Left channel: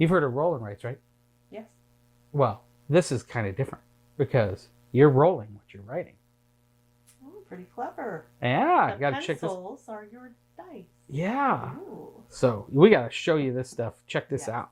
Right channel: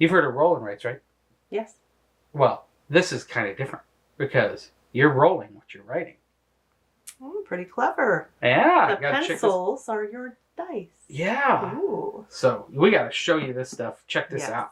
You've heard of roll and writes, right? Yes. Well, this is kind of different because you're rolling what you're writing. Pretty clever. Yeah. The pencils are your dice. Yeah. Ooh. So we got to show you this stuff. Check this out.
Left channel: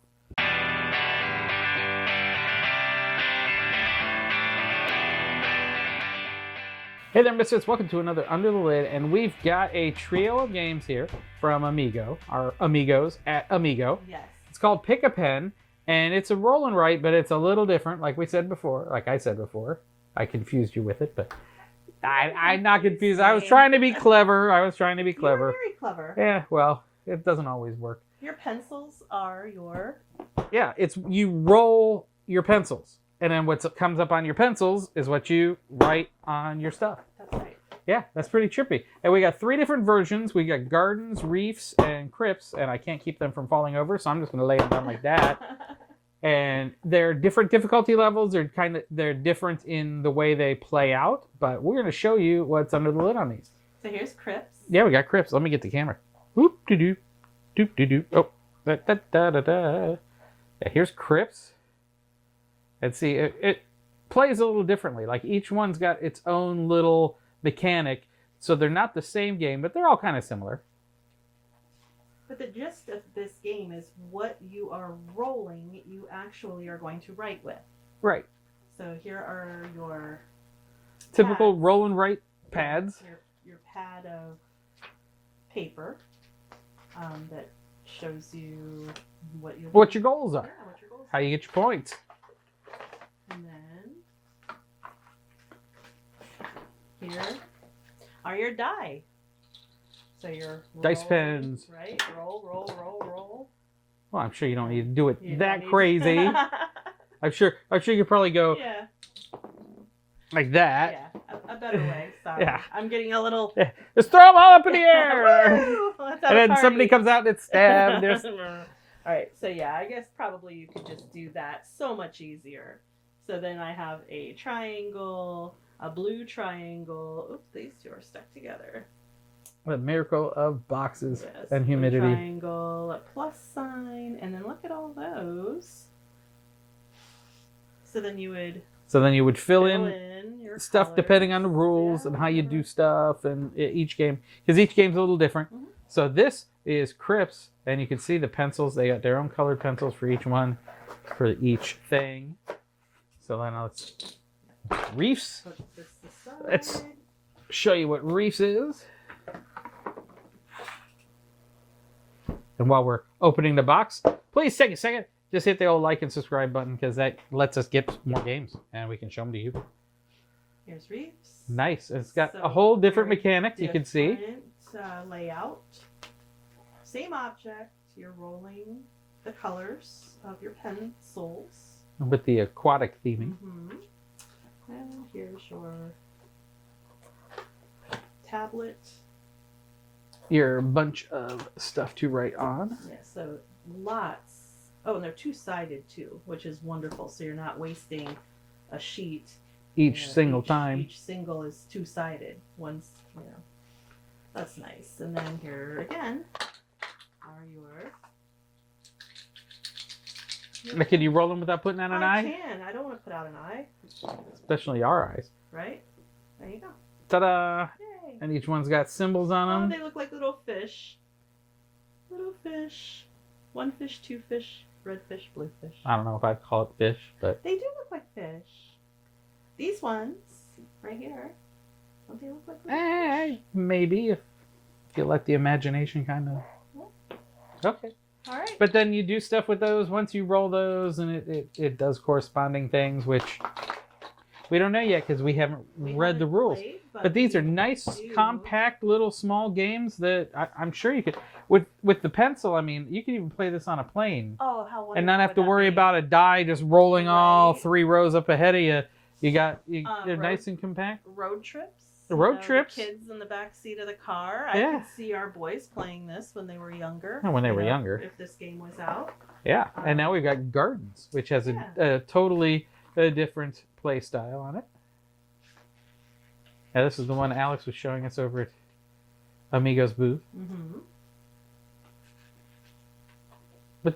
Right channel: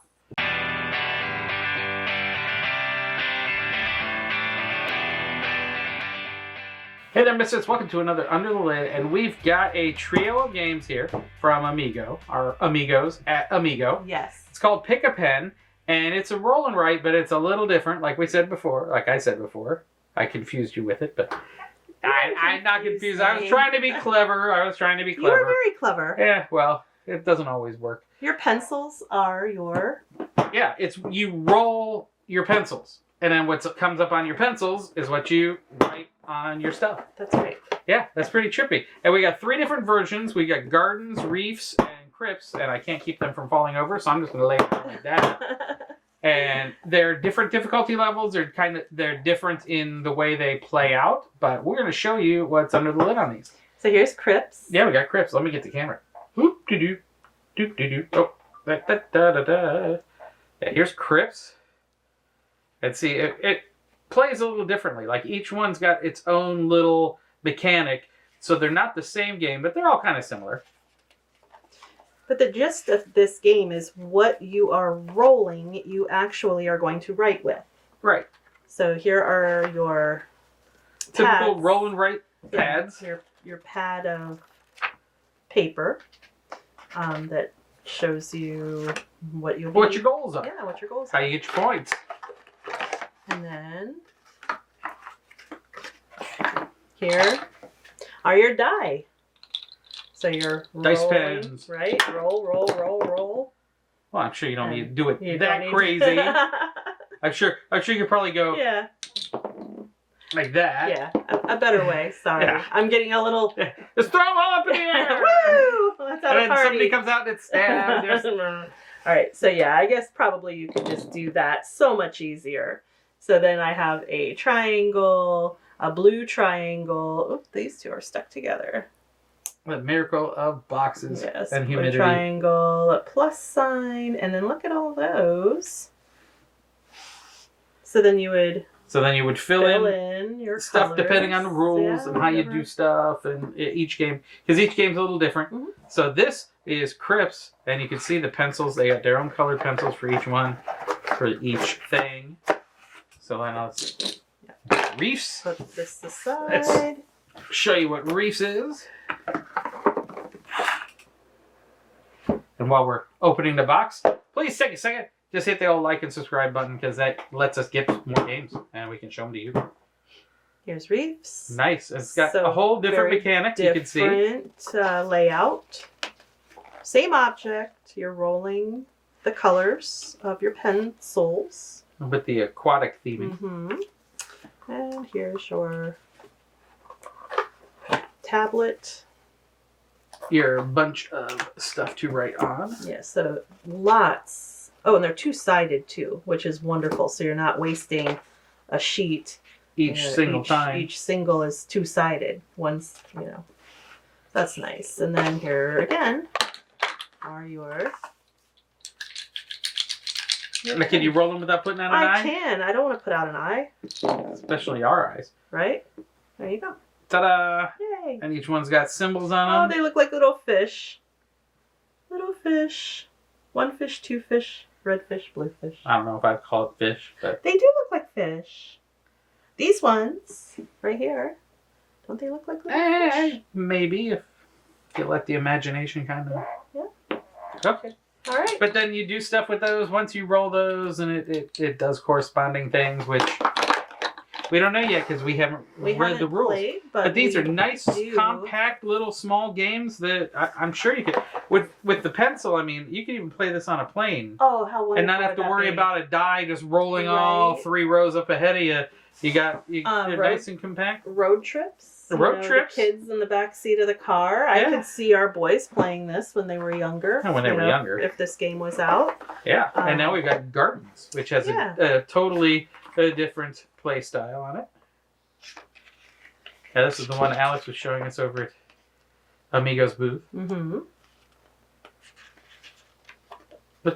Hey there, misfits. Welcome to another Under the Lid, and we've got a trio of games here from Amigo, our amigos at Amigo. Yes. It's called Pick a Pen, and it's a roll and write, but it's a little different. Like I said before, I confused you with it, but I'm not confused. I was trying to be clever. You were very clever. Yeah, well, it doesn't always work. Your pencils are your... Yeah, you roll your pencils. And then what comes up on your pencils is what you write on your stuff. That's right. Yeah, that's pretty trippy. And we got 3 different versions. We got gardens, reefs, and crypts. And I can't keep them from falling over, so I'm just going to lay them down like that. And they're different difficulty levels. They're different in the way they play out. But we're going to show you what's under the lid on these. So here's crypts. Yeah, we got crypts. Let me get the camera. Whoop, doo-doo. Doop-doo-doo. Oh, da-da-da-da-da. Yeah, here's crypts. And see, it plays a little differently. Like, each one's got its own little mechanic. So they're not the same game, but they're all kind of similar. But the gist of this game is what you are rolling, you actually are going to write with. Right. So here are your typical pads. roll and write pads. Yeah, your pad of paper that shows you what you'll what your goals are. Yeah, what your goals How are. you get your points. And then here are your die. So your dice rolling, pens. Right? Roll. Well, I'm sure you don't need to do it You that don't crazy. I'm sure you could probably go like that. Yeah, a better way. Sorry. Yeah. I'm getting a little... Just throw them all up in the air. Woo! And then somebody comes out and it's stabbed. All right, so yeah, I guess probably you could just do that so much easier. So then I have a triangle, a blue triangle. Oops, these two are stuck together. The miracle of boxes and A humidity. triangle, a plus sign, and then look at all those. So then you would fill in your stuff colors. depending on the rules and how you do stuff, and each game, because each game's a little different. Mm-hmm. So this is crypts, and you can see the pencils. They got their own colored pencils for each one, for each thing. So then let's reefs. Put this aside. Let's show you what reefs is. And while we're opening the box, please take a second. Just hit the old like and subscribe button, because that lets us get more games and we can show them to you. Here's reefs. Nice. It's got a whole different mechanic. You can see. Different layout. Same object. You're rolling the colors of your pencils. With the aquatic theming. Mm-hmm. And here's your tablet. Your bunch of stuff to write on. Yeah, so lots. Oh, and they're two-sided too, which is wonderful. So you're not wasting a sheet. Each single time. Each single is two-sided. One's, that's nice. And then here again are your... Now, can you roll them without putting out an eye? I can. I don't want to put out an eye. Especially our eyes. Right? There you go. Ta-da! Yay. And each one's got symbols on them. Oh, they look like little fish. Little fish. 1 fish, 2 fish, red fish, blue fish. I don't know if I'd call it fish, but... They do look like fish. These ones, right here, don't they look like little fish? Maybe, if you let the imagination kind of... Yeah. Okay. All right. But then you do stuff with those once you roll those, and it does corresponding things, which we don't know yet because we haven't read the rules. Played, but these are nice, compact, little, small games that I'm sure you could... With the pencil, I mean, you can even play this on a plane. Oh, how wonderful. And not have to worry about a die just rolling all 3 rows up ahead of you. They're nice and compact. Road trips. Road trips. The kids in the back seat of the car. Yeah. I could see our boys playing this when they were younger. And when they were younger. If this game was out. Yeah. And now we've got Gardens, which has a totally different play style on it. Now this is the one Alex was showing us over at Amigo's booth. Mm-hmm.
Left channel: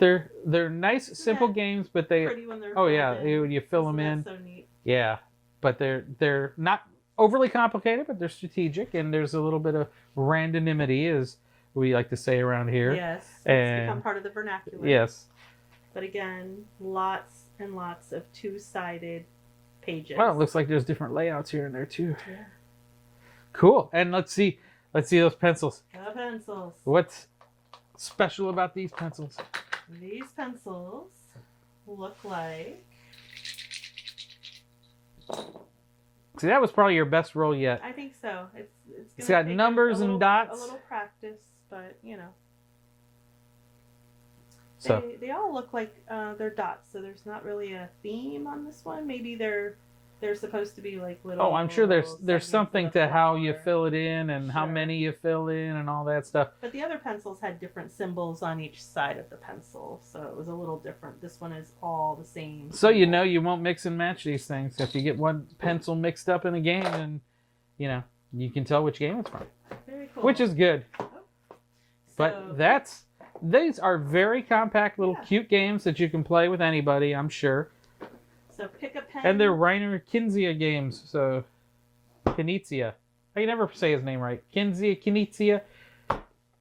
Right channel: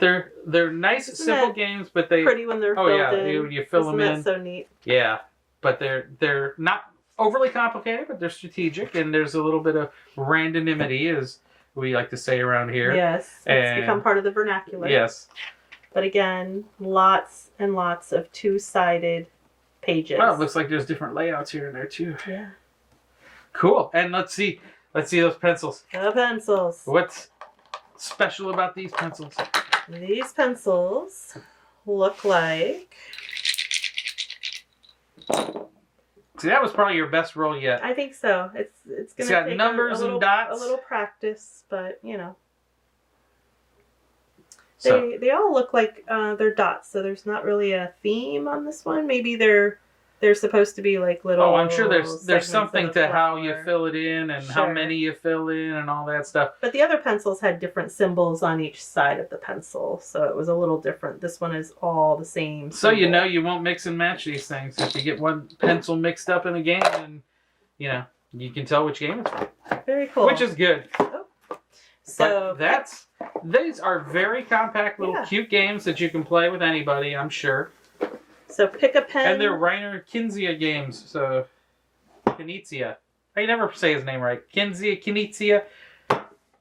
But they're nice, simple games, but they pretty when they're oh filled yeah, in. when you fill Isn't them that in. so neat? Yeah, but they're not overly complicated, but they're strategic, and there's a little bit of randomity, as we like to say around here. Yes, And- it's become part of the vernacular. Yes. But again, lots and lots of two-sided pages. Well, it looks like there's different layouts here and there too. Yeah. Cool. And let's see those pencils. The pencils. What's special about these pencils? These pencils look like... See, that was probably your best roll yet. I think so. It's It's gonna got take numbers a and little, dots. a little practice, but you know. So They all look like they're dots, so there's not really a theme on this one. Maybe they're supposed to be like little. oh, I'm sure there's segments something of to a how you flower. fill it in and how Sure. many you fill in and all that stuff. But the other pencils had different symbols on each side of the pencil, so it was a little different. This one is all the same. So you symbol. know you won't mix and match these things. If you get one pencil mixed up in a game, then you know you can tell which game it's from, Very cool. which is good. so But these are very compact little Yeah. cute games that you can play with anybody, I'm sure. So pick a pen. And they're Rainer Kinzia games, so Knizia. I never say his name right. Knizia.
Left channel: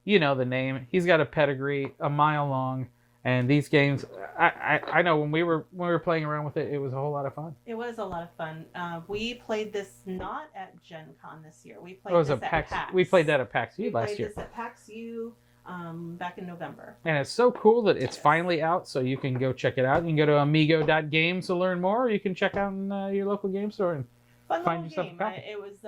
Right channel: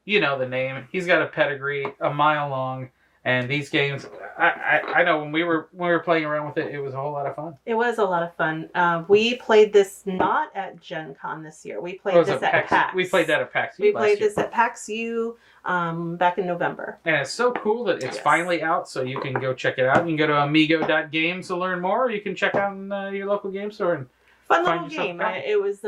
You know the name. He's got a pedigree a mile long, and these games, I know when we were playing around with it, it was a whole lot of fun. It was a lot of fun. We played this not at Gen Con this year. We played What was this it, at PAX. We played that at PAX We last played year. this at PAX U back in November. And it's so cool that it's Yes. finally out, so you can go check it out. You can go to amigo.games to learn more, or you can check out in your local game store. And Fun Find little yourself game. a copy. It was,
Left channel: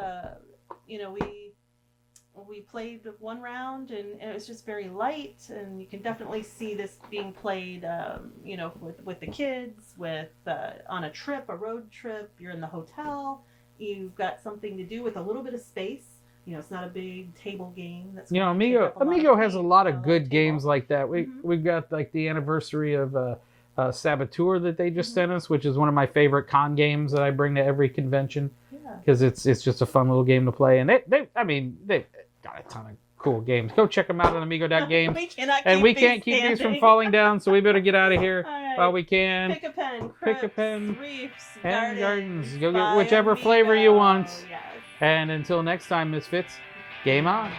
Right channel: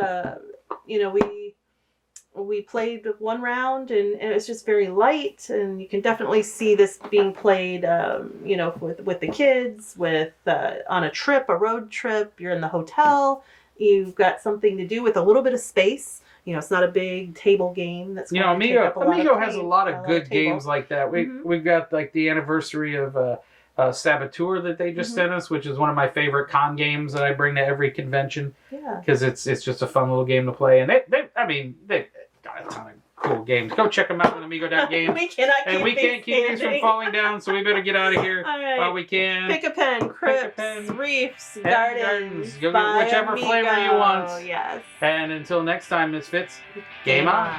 we played one round, and it was just very light. And you can definitely see this being played, with the kids, on a trip, a road trip. You're in the hotel. You've got something to do with a little bit of space. It's not a big table game. That's going to take up a lot of Amigo has a time, lot of good table. games like that. Mhm. We've got like the anniversary of Saboteur that they just Mhm. sent us, which is one of my favorite con games that I bring to every convention Yeah. because it's just a fun little game to play. And they've got a ton of cool games. Go check them out on amigo.games. We cannot keep And we these can't keep these from standing. falling down, so we better get out of here All right. while we can. Pick a pen, Pick a crypts, pen. reefs, And gardens. gardens. Go get by whichever flavor you Amigo. want. Yes. And until next time, Misfits, game on.